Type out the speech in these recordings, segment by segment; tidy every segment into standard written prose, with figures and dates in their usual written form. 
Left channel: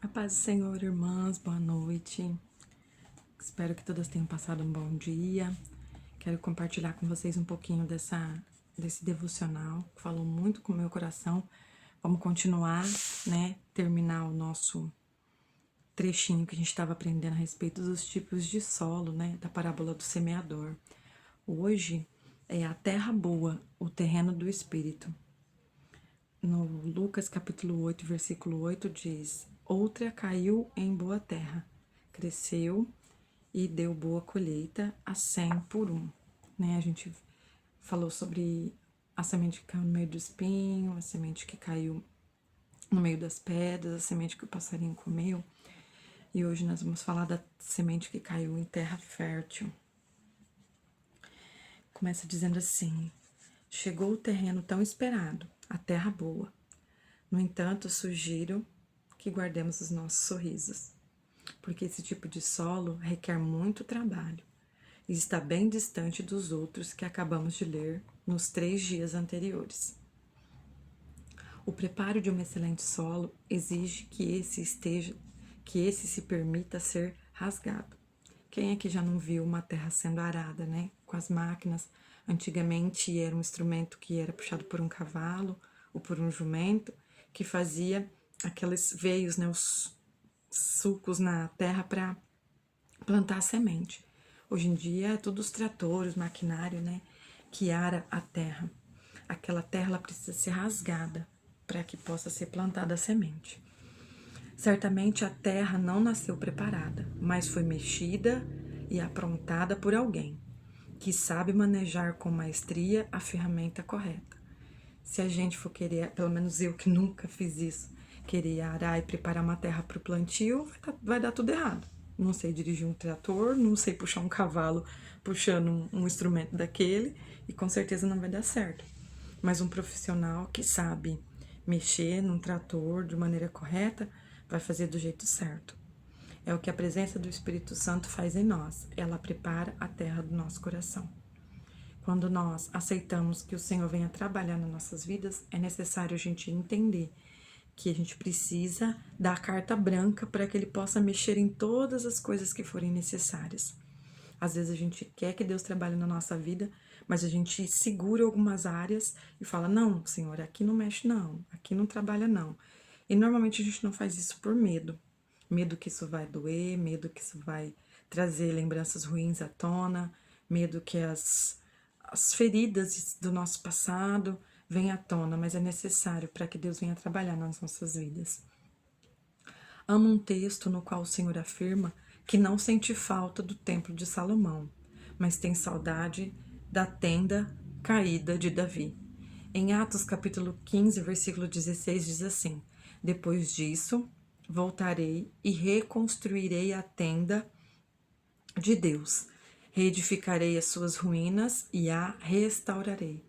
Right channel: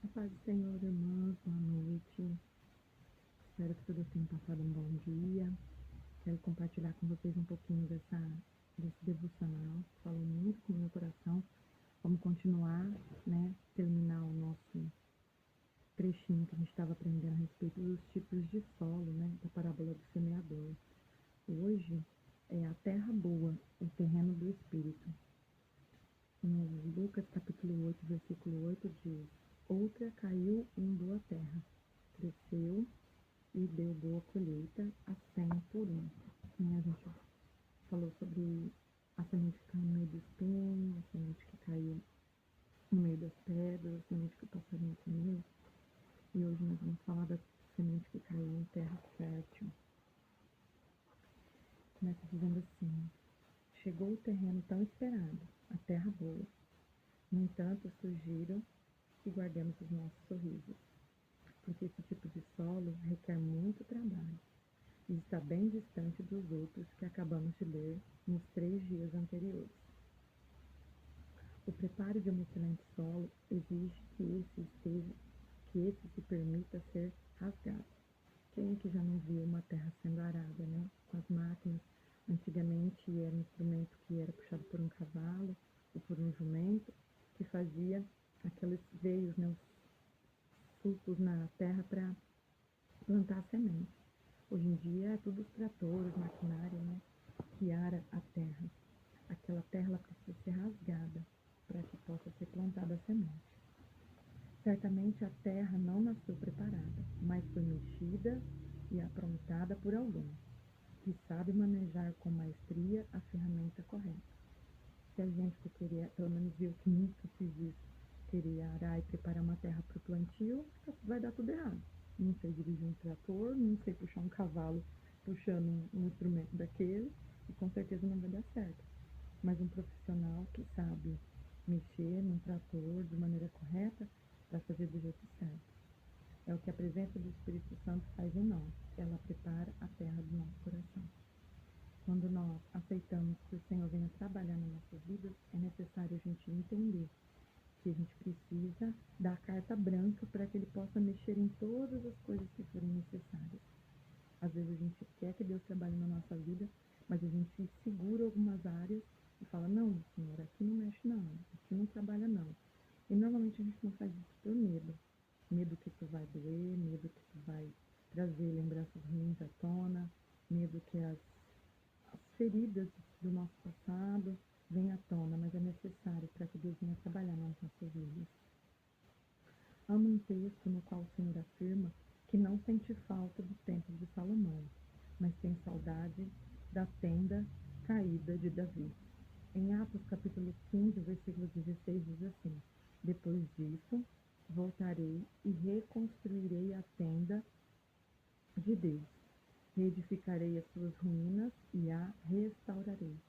A paz do Senhor, irmãs, boa noite. Espero que todas tenham passado um bom dia. Quero compartilhar com vocês um pouquinho desse devocional, que falou muito com o meu coração. Vamos continuar, terminar o nosso trechinho que a gente estava aprendendo a respeito dos tipos de solo, da parábola do semeador. Hoje é a terra boa, o terreno do Espírito. No Lucas capítulo 8, versículo 8 diz: Outra caiu em boa terra, cresceu e deu boa colheita a 100 por um. A gente falou sobre a semente que caiu no meio do espinho, a semente que caiu no meio das pedras, a semente que o passarinho comeu. E hoje nós vamos falar da semente que caiu em terra fértil. Começa dizendo assim: Chegou o terreno tão esperado, a terra boa. No entanto, sugiro que guardemos os nossos sorrisos, porque esse tipo de solo requer muito trabalho e está bem distante dos outros que acabamos de ler nos 3 dias anteriores. O preparo de um excelente solo exige que esse se permita ser rasgado. Quem aqui já não viu uma terra sendo arada, com as máquinas? Antigamente era um instrumento que era puxado por um cavalo ou por um jumento, que fazia aqueles veios, os sulcos na terra para plantar a semente. Hoje em dia é tudo os tratores, maquinário, que ara a terra. Aquela terra ela precisa ser rasgada para que possa ser plantada a semente. Certamente a terra não nasceu preparada, mas foi mexida e aprontada por alguém que sabe manejar com maestria a ferramenta correta. Se a gente for querer, pelo menos eu que nunca fiz isso, querer arar e preparar uma terra para o plantio, vai dar tudo errado. Não sei dirigir um trator, não sei puxar um cavalo puxando um instrumento daquele, e com certeza não vai dar certo. Mas um profissional que sabe mexer num trator de maneira correta vai fazer do jeito certo. É o que a presença do Espírito Santo faz em nós. Ela prepara a terra do nosso coração. Quando nós aceitamos que o Senhor venha trabalhar nas nossas vidas, é necessário a gente entender que a gente precisa dar carta branca para que Ele possa mexer em todas as coisas que forem necessárias. Às vezes a gente quer que Deus trabalhe na nossa vida, mas a gente segura algumas áreas e fala: não, Senhor, aqui não mexe não, aqui não trabalha não. E normalmente a gente não faz isso por medo. Medo que isso vai doer, medo que isso vai trazer lembranças ruins à tona, medo que as feridas do nosso passado venham à tona, mas é necessário para que Deus venha trabalhar nas nossas vidas. Amo um texto no qual o Senhor afirma que não sente falta do templo de Salomão, mas tem saudade da tenda caída de Davi. Em Atos capítulo 15, versículo 16, diz assim: Depois disso, voltarei e reconstruirei a tenda de Deus, reedificarei as suas ruínas e a restaurarei.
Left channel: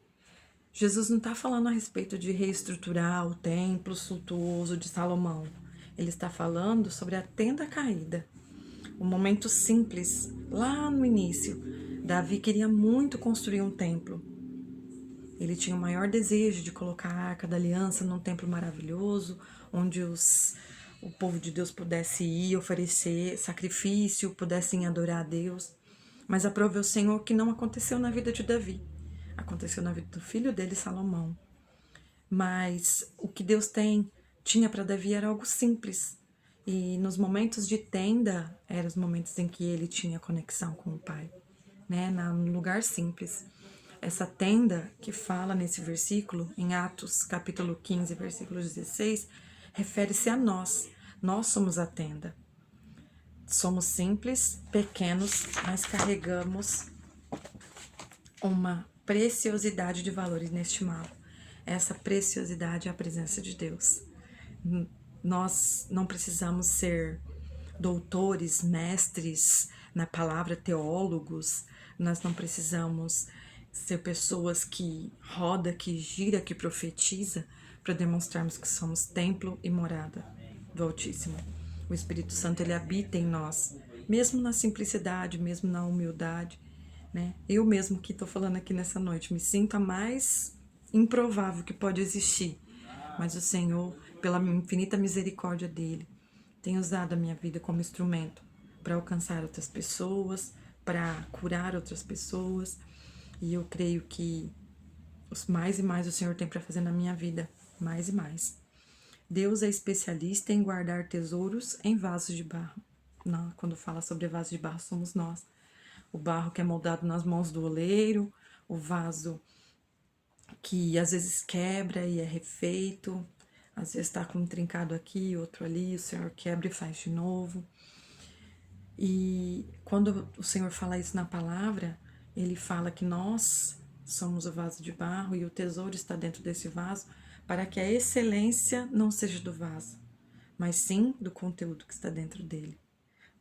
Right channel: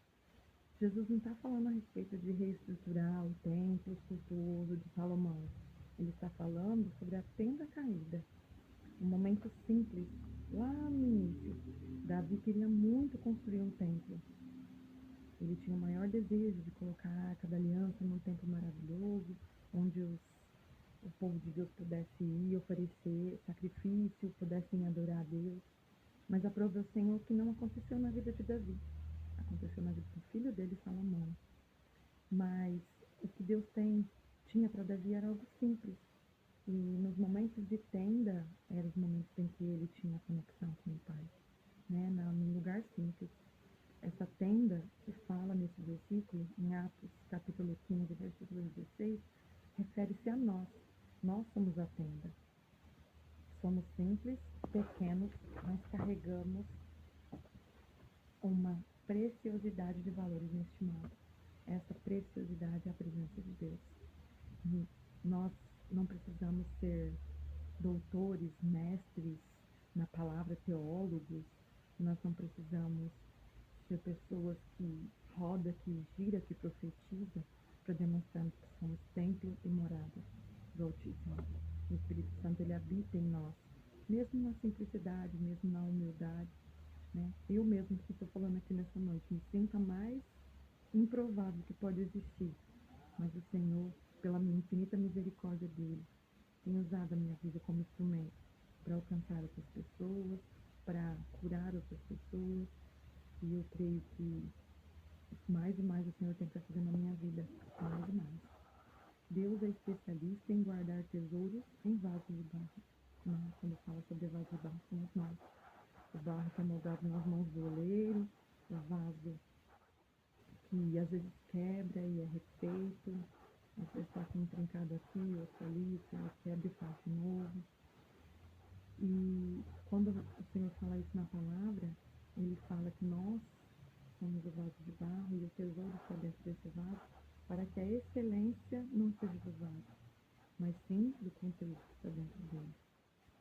Jesus não está falando a respeito de reestruturar o templo suntuoso de Salomão. Ele está falando sobre a tenda caída. Um momento simples, lá no início. Davi queria muito construir um templo. Ele tinha o maior desejo de colocar a Arca da Aliança num templo maravilhoso, onde o povo de Deus pudesse ir oferecer sacrifício, pudessem adorar a Deus. Mas aprove o Senhor que não aconteceu na vida de Davi. Aconteceu na vida do filho dele, Salomão. Mas o que Deus tinha para Davi era algo simples. E nos momentos de tenda, eram os momentos em que ele tinha conexão com o Pai, num lugar simples. Essa tenda que fala nesse versículo, em Atos capítulo 15, versículo 16, refere-se a nós. Nós somos a tenda. Somos simples, pequenos, mas carregamos uma preciosidade de valor inestimável. Essa preciosidade é a presença de Deus. Nós não precisamos ser doutores, mestres na palavra, teólogos. Nós não precisamos ser pessoas que roda, que gira, que profetiza, para demonstrarmos que somos templo e morada do Altíssimo. O Espírito Santo, ele habita em nós, mesmo na simplicidade, mesmo na humildade, Eu mesmo que estou falando aqui nessa noite, me sinto a mais improvável que pode existir, mas o Senhor, pela infinita misericórdia dele, Tenho usado a minha vida como instrumento para alcançar outras pessoas, para curar outras pessoas. E eu creio que mais e mais o Senhor tem para fazer na minha vida, mais e mais. Deus é especialista em guardar tesouros em vasos de barro. Não, quando fala sobre vasos de barro, somos nós. O barro que é moldado nas mãos do oleiro, o vaso que às vezes quebra e é refeito, às vezes está com um trincado aqui, outro ali, o Senhor quebra e faz de novo. E quando o Senhor fala isso na palavra, Ele fala que nós somos o vaso de barro e o tesouro está dentro desse vaso, para que a excelência não seja do vaso, mas sim do conteúdo que está dentro dele.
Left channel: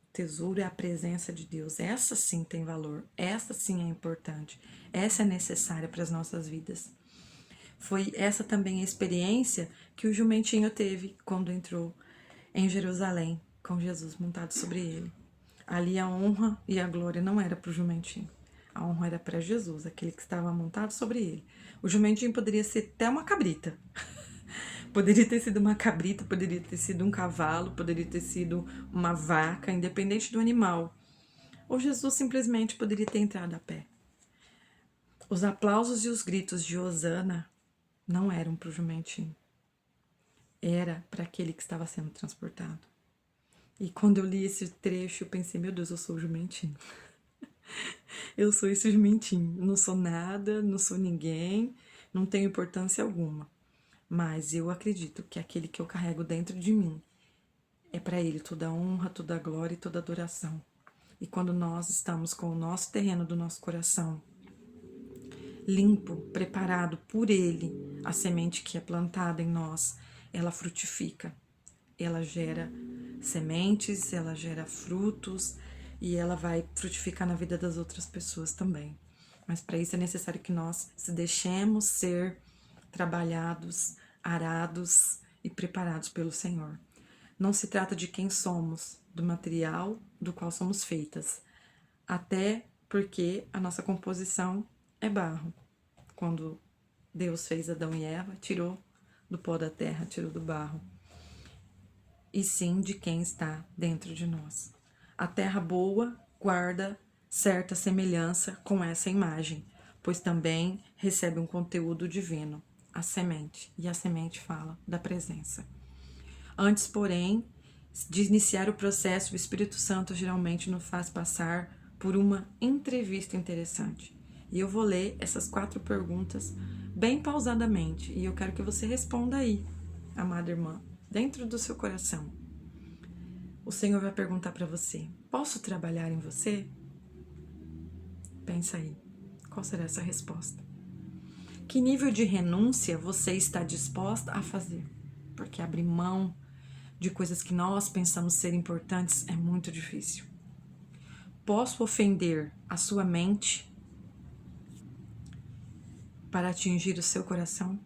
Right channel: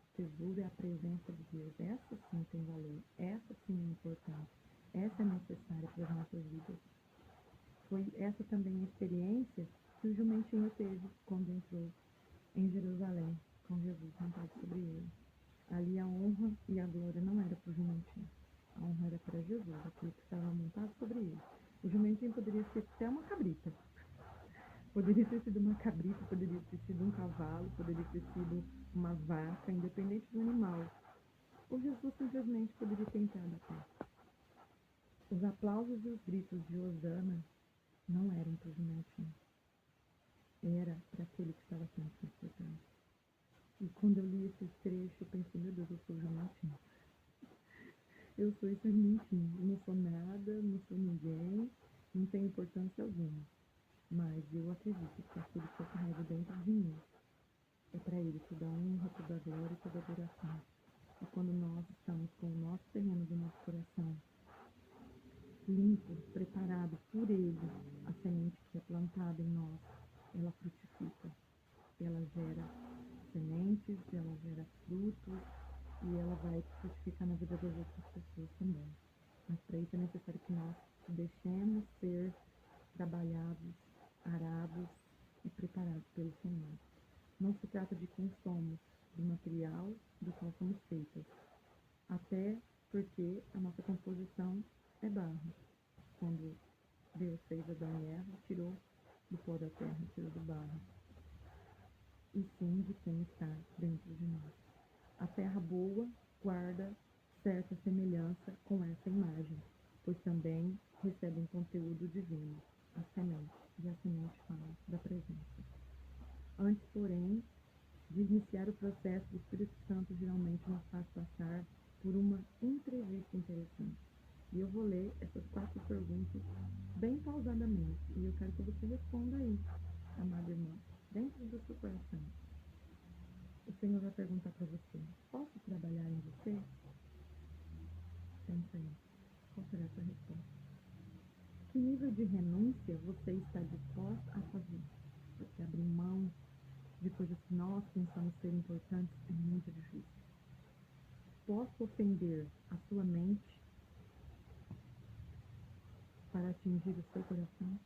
O tesouro é a presença de Deus. Essa sim tem valor, essa sim é importante, essa é necessária para as nossas vidas. Foi essa também a experiência que o jumentinho teve quando entrou em Jerusalém, com Jesus montado sobre ele. Ali a honra e a glória não era para o jumentinho. A honra era para Jesus, aquele que estava montado sobre ele. O jumentinho poderia ser até uma cabrita. Poderia ter sido uma cabrita, poderia ter sido um cavalo, poderia ter sido uma vaca, independente do animal. Ou Jesus simplesmente poderia ter entrado a pé. Os aplausos e os gritos de Hosana não eram para o jumentinho. Era para aquele que estava sendo transportado. E quando eu li esse trecho, eu pensei, meu Deus, eu sou o jumentinho. Eu sou esse jumentinho. Não sou nada, não sou ninguém, não tenho importância alguma. Mas eu acredito que aquele que eu carrego dentro de mim é para ele toda a honra, toda a glória e toda a adoração. E quando nós estamos com o nosso terreno do nosso coração limpo, preparado por ele, a semente que é plantada em nós, ela frutifica, ela gera sementes, ela gera frutos e ela vai frutificar na vida das outras pessoas também. Mas para isso é necessário que nós se deixemos ser trabalhados, arados e preparados pelo Senhor. Não se trata de quem somos, do material do qual somos feitas, até porque a nossa composição é barro. Quando Deus fez Adão e Eva, tirou do pó da terra, tirou do barro. E sim de quem está dentro de nós. A terra boa guarda certa semelhança com essa imagem, pois também recebe um conteúdo divino, a semente, e a semente fala da presença. Antes, porém, de iniciar o processo, o Espírito Santo geralmente nos faz passar por uma entrevista interessante. E eu vou ler essas 4 perguntas bem pausadamente, e eu quero que você responda aí, amada irmã, dentro do seu coração. O Senhor vai perguntar para você: posso trabalhar em você? Pensa aí, qual será essa resposta? Que nível de renúncia você está disposta a fazer? Porque abrir mão de coisas que nós pensamos ser importantes é muito difícil. Posso ofender a sua mente para atingir o seu coração?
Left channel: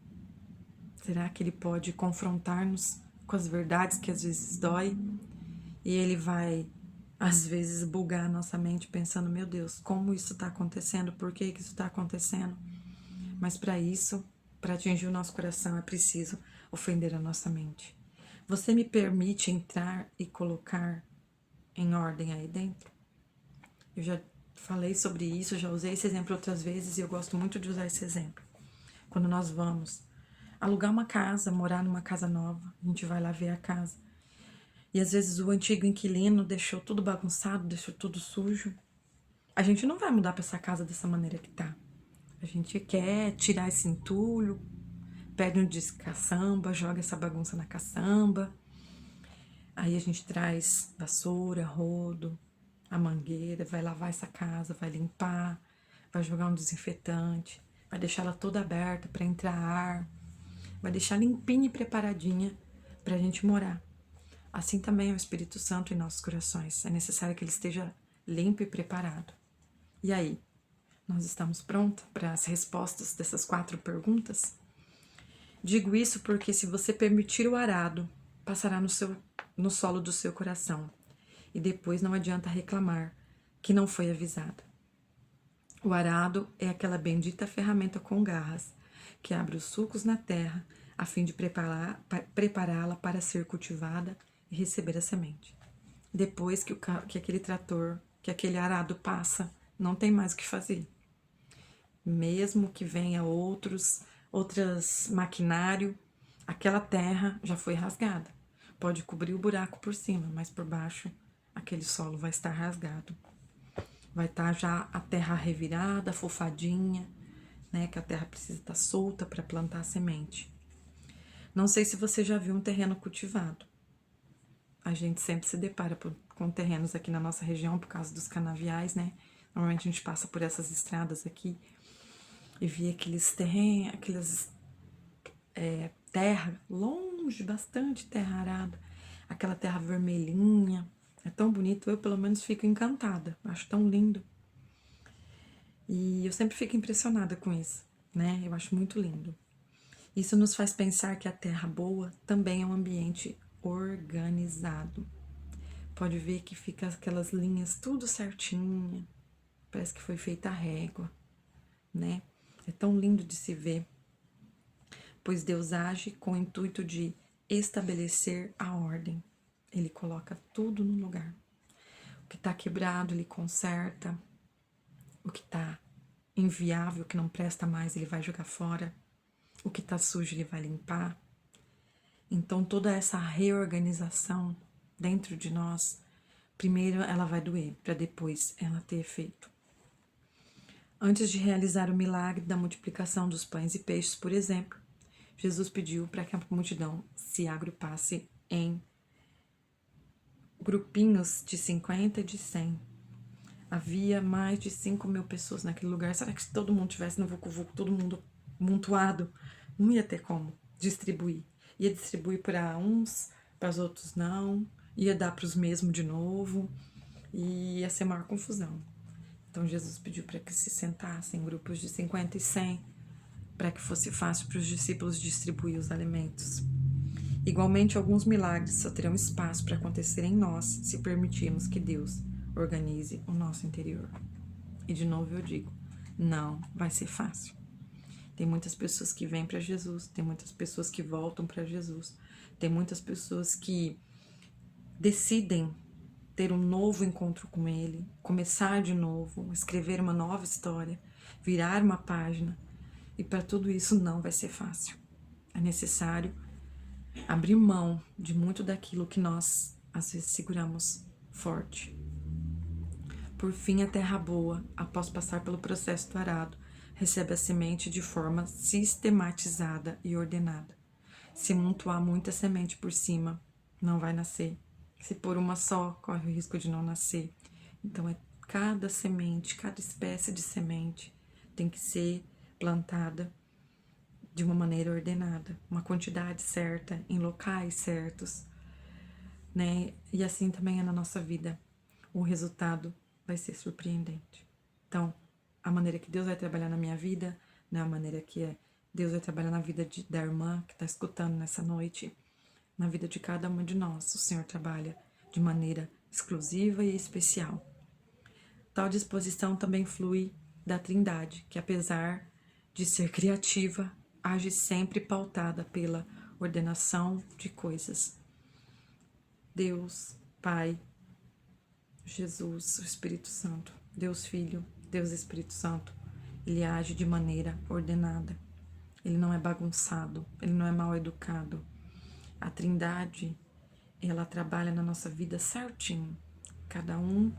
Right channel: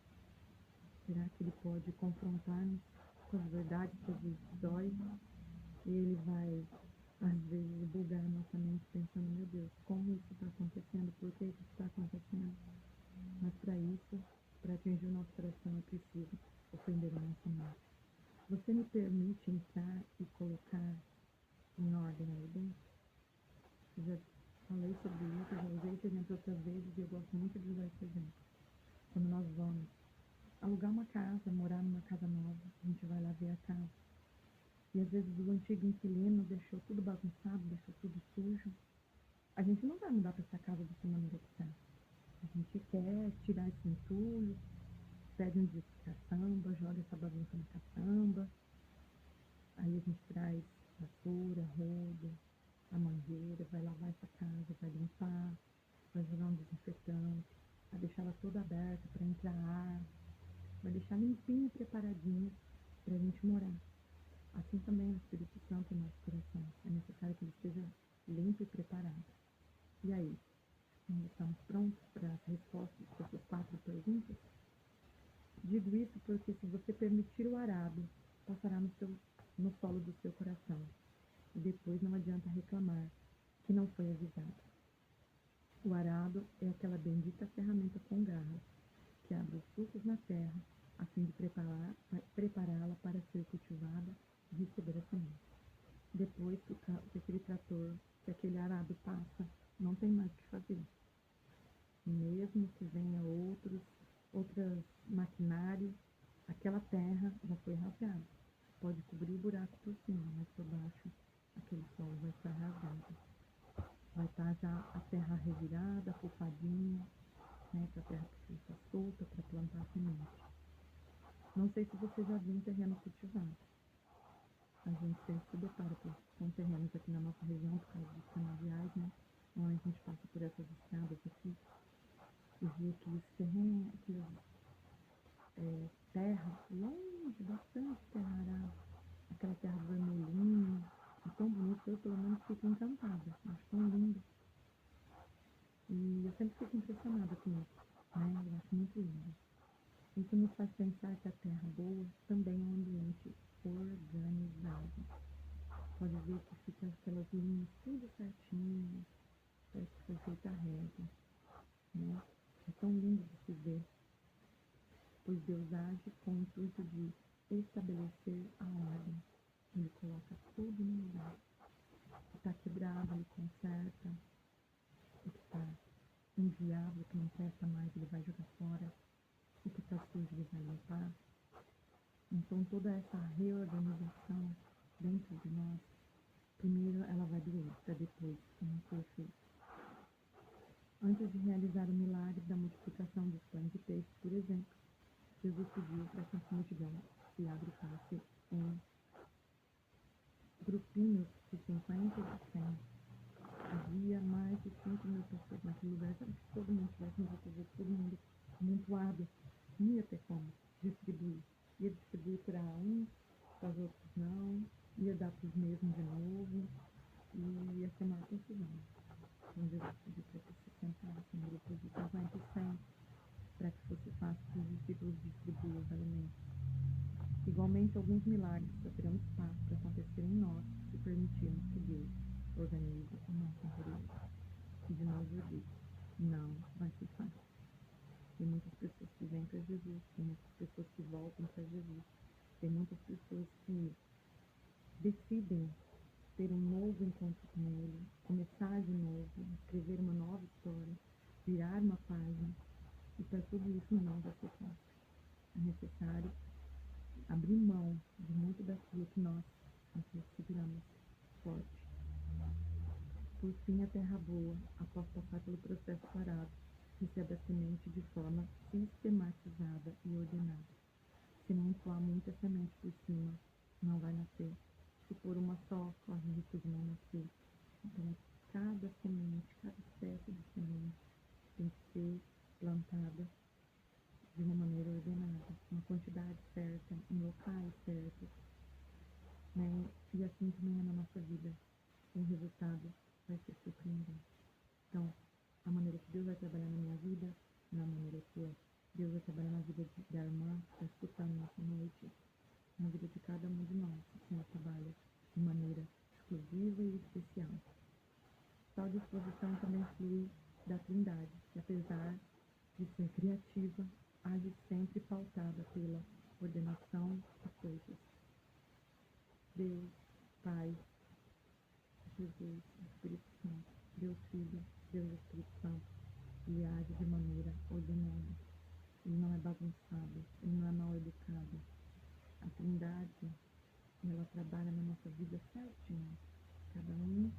Será que ele pode confrontar-nos com as verdades que às vezes dói? E ele vai, às vezes, bugar a nossa mente pensando, meu Deus, como isso está acontecendo? Por que isso está acontecendo? Mas para isso, para atingir o nosso coração, é preciso ofender a nossa mente. Você me permite entrar e colocar em ordem aí dentro? Eu já falei sobre isso, já usei esse exemplo outras vezes e eu gosto muito de usar esse exemplo. Quando nós vamos alugar uma casa, morar numa casa nova, a gente vai lá ver a casa. E às vezes o antigo inquilino deixou tudo bagunçado, deixou tudo sujo. A gente não vai mudar para essa casa dessa maneira que tá. A gente quer tirar esse entulho, pede um disco caçamba, joga essa bagunça na caçamba. Aí a gente traz vassoura, rodo, a mangueira, vai lavar essa casa, vai limpar, vai jogar um desinfetante, vai deixar ela toda aberta para entrar ar, vai deixar limpinha e preparadinha para a gente morar. Assim também é o Espírito Santo em nossos corações. É necessário que ele esteja limpo e preparado. E aí, nós estamos prontos para as respostas dessas 4 perguntas? Digo isso porque se você permitir o arado, passará no solo do seu coração. E depois não adianta reclamar que não foi avisado. O arado é aquela bendita ferramenta com garras que abre os sulcos na terra a fim de prepará-la para ser cultivada e receber a semente. Depois que aquele trator, que aquele arado passa, não tem mais o que fazer. Mesmo que venha outros maquinário, aquela terra já foi rasgada. Pode cobrir o buraco por cima, mas por baixo aquele solo vai estar rasgado. Vai estar já a terra revirada, fofadinha, né? Que a terra precisa estar solta para plantar a semente. Não sei se você já viu um terreno cultivado. A gente sempre se depara com terrenos aqui na nossa região por causa dos canaviais, né? Normalmente a gente passa por essas estradas aqui e vê aqueles terrenos, terra longe, bastante terra arada, aquela terra vermelhinha. É tão bonito, eu pelo menos fico encantada, acho tão lindo. E eu sempre fico impressionada com isso, né? Eu acho muito lindo. Isso nos faz pensar que a terra boa também é um ambiente organizado. Pode ver que fica aquelas linhas tudo certinha, parece que foi feita a régua, né? É tão lindo de se ver, pois Deus age com o intuito de estabelecer a ordem. Ele coloca tudo no lugar. O que está quebrado, ele conserta. O que está inviável, que não presta mais, ele vai jogar fora. O que está sujo, ele vai limpar. Então, toda essa reorganização dentro de nós, primeiro ela vai doer, para depois ela ter efeito. Antes de realizar o milagre da multiplicação dos pães e peixes, por exemplo, Jesus pediu para que a multidão se agrupasse em grupinhos de 50 e de 100. Havia mais de 5.000 pessoas naquele lugar. Será que se todo mundo tivesse no vucu-vucu, todo mundo amontoado, não ia ter como distribuir? Ia distribuir para uns, para os outros não, ia dar para os mesmos de novo, e ia ser maior confusão. Então Jesus pediu para que se sentassem em grupos de 50 e 100, para que fosse fácil para os discípulos distribuir os alimentos. Igualmente, alguns milagres só terão espaço para acontecer em nós se permitirmos que Deus organize o nosso interior. E de novo eu digo, não vai ser fácil. Tem muitas pessoas que vêm para Jesus, tem muitas pessoas que voltam para Jesus, tem muitas pessoas que decidem ter um novo encontro com Ele, começar de novo, escrever uma nova história, virar uma página. E para tudo isso não vai ser fácil. É necessário abrir mão de muito daquilo que nós, às vezes, seguramos forte. Por fim, a terra boa, após passar pelo processo do arado, recebe a semente de forma sistematizada e ordenada. Se amontoar muita semente por cima, não vai nascer. Se pôr uma só, corre o risco de não nascer. Então, cada semente, cada espécie de semente tem que ser plantada de uma maneira ordenada, uma quantidade certa, em locais certos, né? E assim também é na nossa vida. O resultado vai ser surpreendente. Então, a maneira que Deus vai trabalhar na minha vida, não é a maneira que Deus vai trabalhar na vida da irmã que está escutando nessa noite, na vida de cada uma de nós. O Senhor trabalha de maneira exclusiva e especial. Tal disposição também flui da Trindade, que apesar de ser criativa, age sempre pautada pela ordenação de coisas. Deus, Pai, Jesus, o Espírito Santo, Deus Filho, Deus Espírito Santo, ele age de maneira ordenada. Ele não é bagunçado, ele não é mal educado. A Trindade, ela trabalha na nossa vida certinho, cada um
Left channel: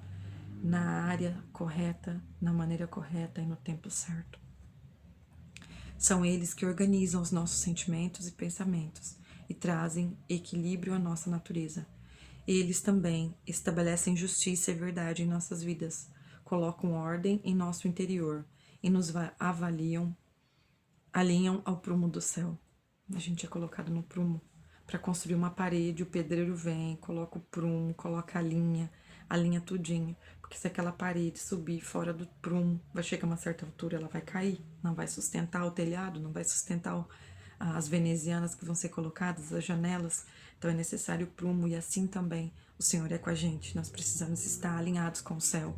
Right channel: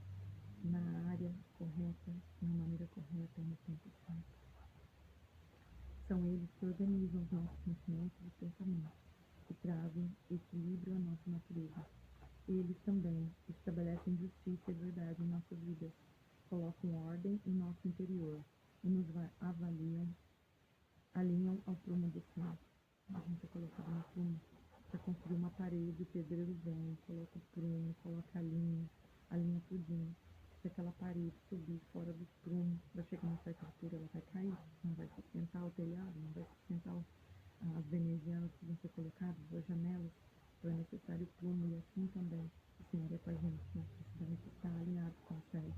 na área correta, na maneira correta e no tempo certo. São eles que organizam os nossos sentimentos e pensamentos e trazem equilíbrio à nossa natureza. Eles também estabelecem justiça e verdade em nossas vidas, colocam ordem em nosso interior e nos alinham ao prumo do céu. A gente é colocado no prumo. Para construir uma parede, o pedreiro vem, coloca o prumo, coloca a linha tudinho. Porque se aquela parede subir fora do prumo, vai chegar a uma certa altura, ela vai cair. Não vai sustentar o telhado, não vai sustentar as venezianas que vão ser colocadas, as janelas. Então é necessário o prumo e assim também o Senhor é com a gente. Nós precisamos estar alinhados com o céu.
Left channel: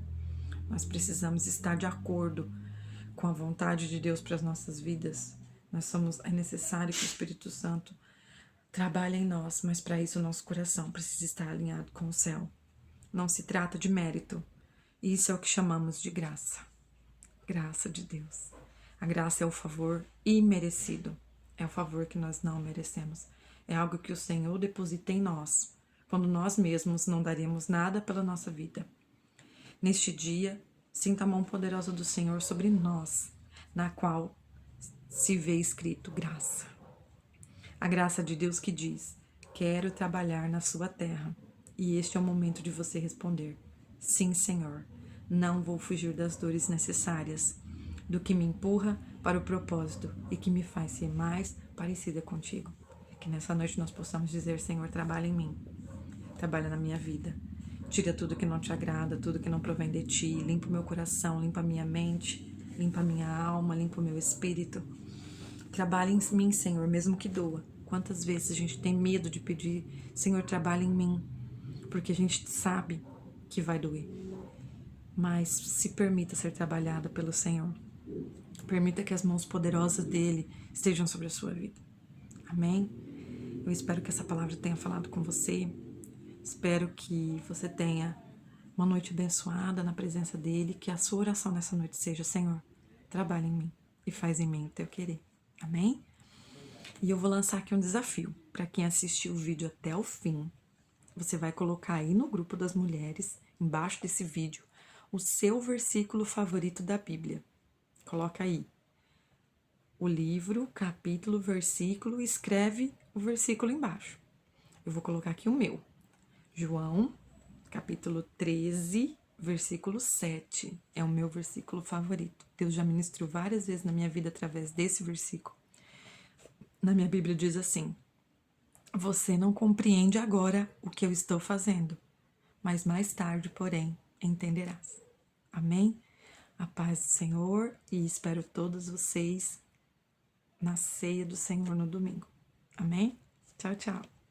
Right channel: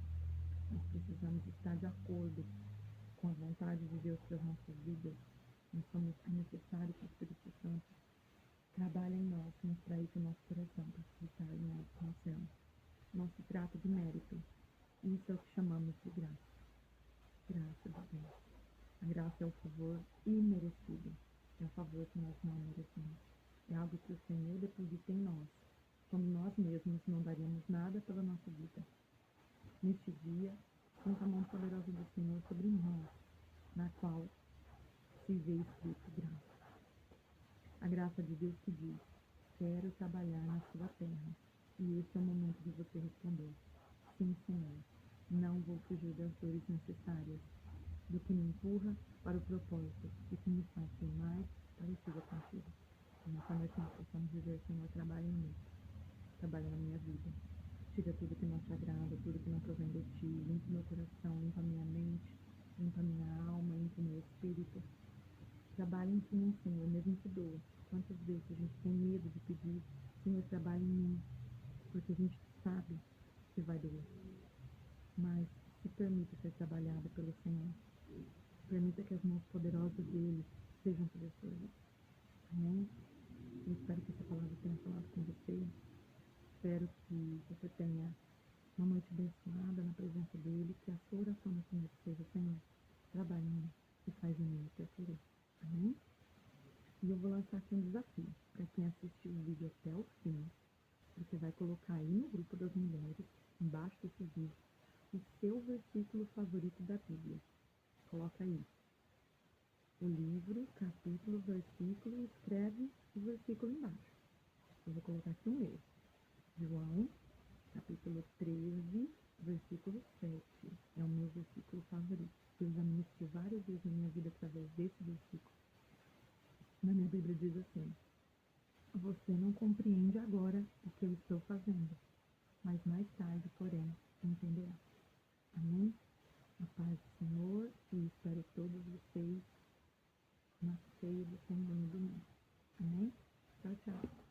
Nós precisamos estar de acordo com a vontade de Deus para as nossas vidas. É necessário que o Espírito Santo trabalha em nós, mas para isso o nosso coração precisa estar alinhado com o céu. Não se trata de mérito. Isso é o que chamamos de graça. Graça de Deus. A graça é o favor imerecido. É o favor que nós não merecemos. É algo que o Senhor deposita em nós, quando nós mesmos não daremos nada pela nossa vida. Neste dia, sinta a mão poderosa do Senhor sobre nós, na qual se vê escrito graça. A graça de Deus que diz: quero trabalhar na sua terra. E este é o momento de você responder: sim, Senhor, não vou fugir das dores necessárias, do que me empurra para o propósito e que me faz ser mais parecida contigo. Que nessa noite nós possamos dizer: Senhor, trabalha em mim, trabalha na minha vida. Tira tudo que não te agrada, tudo que não provém de ti. Limpa o meu coração, limpa a minha mente, limpa a minha alma, limpa o meu espírito. Trabalha em mim, Senhor, mesmo que doa. Quantas vezes a gente tem medo de pedir: Senhor, trabalha em mim, porque a gente sabe que vai doer. Mas se permita ser trabalhada pelo Senhor. Permita que as mãos poderosas dele estejam sobre a sua vida. Amém? Eu espero que essa palavra tenha falado com você. Espero que você tenha uma noite abençoada na presença dele. Que a sua oração nessa noite seja: Senhor, trabalha em mim e faz em mim o teu querer. Amém? E eu vou lançar aqui um desafio para quem assistiu o vídeo até o fim. Você vai colocar aí no grupo das mulheres, embaixo desse vídeo, o seu versículo favorito da Bíblia. Coloca aí o livro, capítulo, versículo, escreve o versículo embaixo. Eu vou colocar aqui o meu. João, capítulo 13, versículo 7. É o meu versículo favorito. Deus já ministrou várias vezes na minha vida através desse versículo. Na minha Bíblia diz assim: você não compreende agora o que eu estou fazendo, mas mais tarde, porém, entenderás. Amém? A paz do Senhor, e espero todos vocês na ceia do Senhor no domingo. Amém? Tchau, tchau.